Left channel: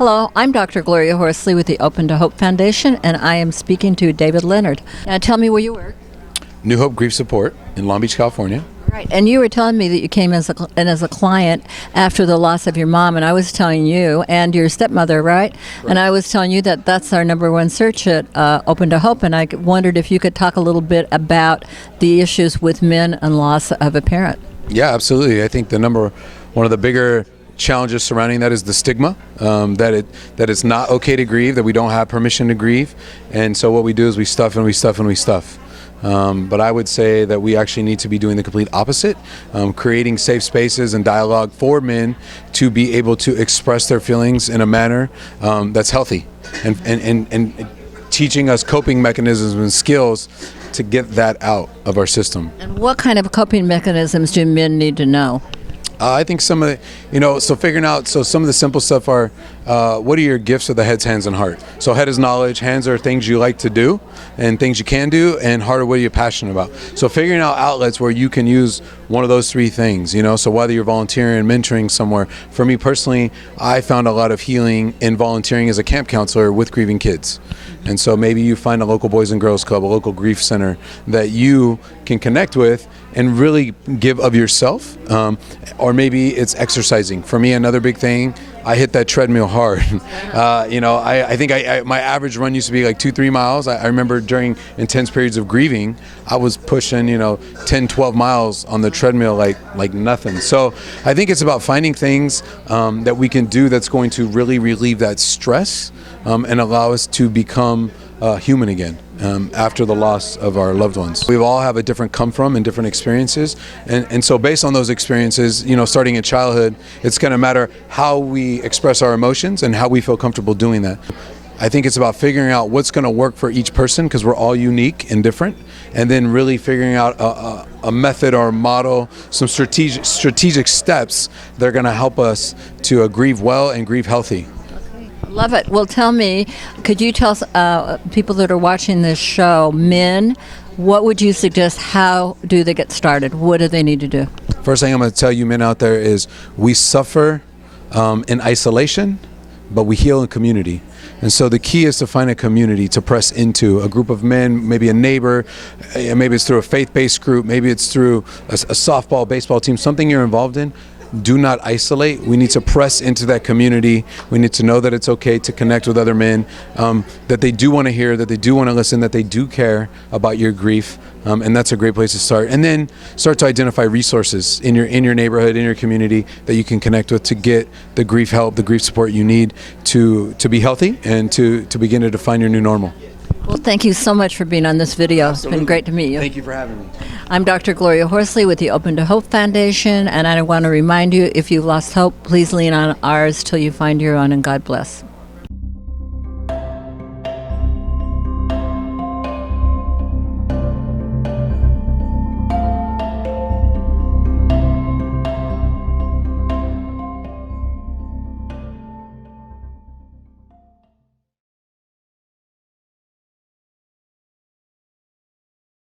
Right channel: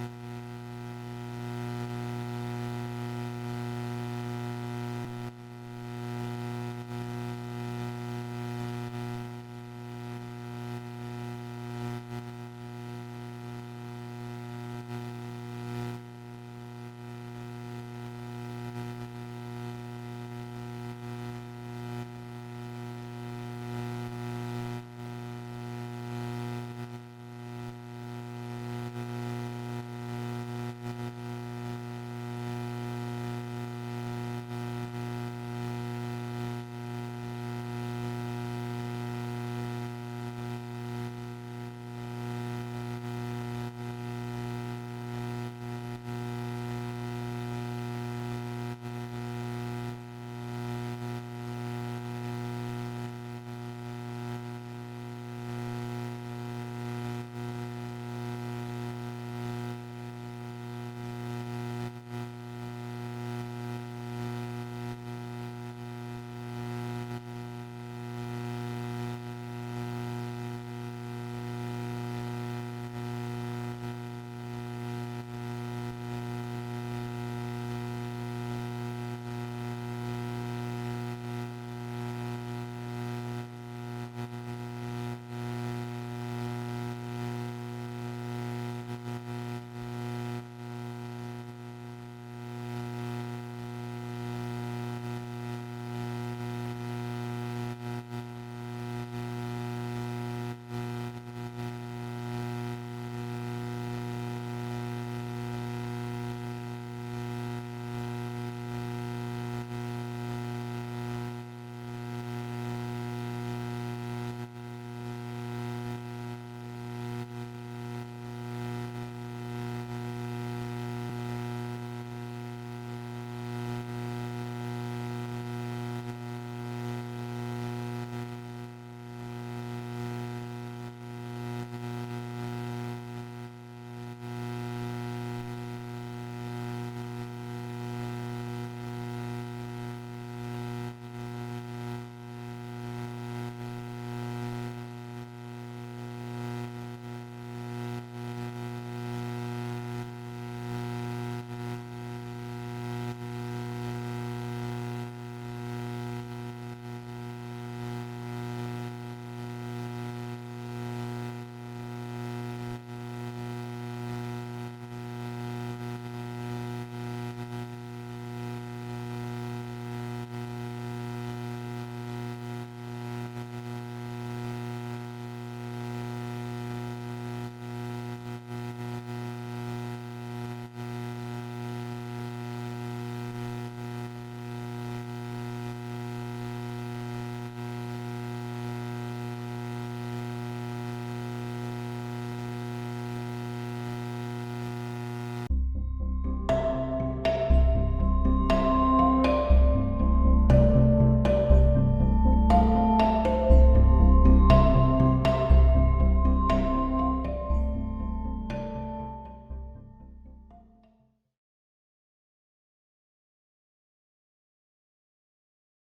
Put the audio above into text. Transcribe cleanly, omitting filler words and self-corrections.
Hello, I'm Dr. Gloria Horsley with the Open to Hope Foundation, and I am speaking to David Leonard. Now, tell me where you work. New Hope Grief Support in Long Beach, California. Right, and you were telling me that you came as a client after the loss of your mom, and I was telling you, and your stepmother, right? And I was telling you that that's our number one search at Open to Hope, and I wondered if you could talk a little bit about the issues with men and loss of a parent. Yeah, absolutely. I think one of the bigger challenges surrounding that is the stigma, that it's not okay to grieve, that we don't have permission to grieve, and so what we do is we stuff and we stuff and we stuff. But I would say that we actually need to be doing the complete opposite, creating safe spaces and dialogue for men to be able to express their feelings in a manner that's healthy, and teaching us coping mechanisms and skills to get that out of our system. And what kind of coping mechanisms do men need to know? I think some of the, figuring out, some of the simple stuff are, what are your gifts of the head's hands and heart? So head is knowledge, hands are things you like to do and things you can do, and heart are what you're passionate about. So figuring out outlets where you can use one of those three things, so whether you're volunteering, mentoring somewhere. For me personally, I found a lot of healing in volunteering as a camp counselor with grieving kids. And so maybe you find a local Boys and Girls Club, a local grief center that you can connect with and really give of yourself. Or maybe it's exercising. For me, another big thing, I hit that treadmill hard. I think my average run used to be like 2-3 miles. I remember during intense periods of grieving, I was pushing 10-12 miles on the treadmill like nothing. So I think it's about finding things that we can do that's going to really relieve that stress and allow us to become human again after the loss of our loved ones. We all have a different come from and different experiences, and so based on those experiences, starting in childhood, it's going to matter how we express our emotions and how we feel comfortable doing that. I think it's about figuring out what's going to work for each person, because we're all unique and different, and then really figuring out a method or a model, some strategic steps that are going to help us to grieve well and grieve healthy. Love it. Well, tell me, could you tell people that are watching this show, men, what would you suggest? How do they get started? What do they need to do? First thing I'm going to tell you men out there is we suffer in isolation, but we heal in community. And so the key is to find a community to press into, a group of men, maybe a neighbor, maybe it's through a faith-based group, maybe it's through a softball, baseball team, something you're involved in. Do not isolate. We need to press into that community. We need to know that it's okay to connect with other men, that they do want to hear, that they do want to listen, that they do care about your grief, and that's a great place to start. And then start to identify resources in your neighborhood, in your community, that you can connect with to get the grief help, the grief support you need to be healthy and to begin to define your new normal. Well, thank you so much for being on this video. It's been great to meet you. Thank you for having me. I'm Dr. Gloria Horsley with the Open to Hope Foundation, and I want to remind you, if you've lost hope, please lean on ours till you find your own, and God bless.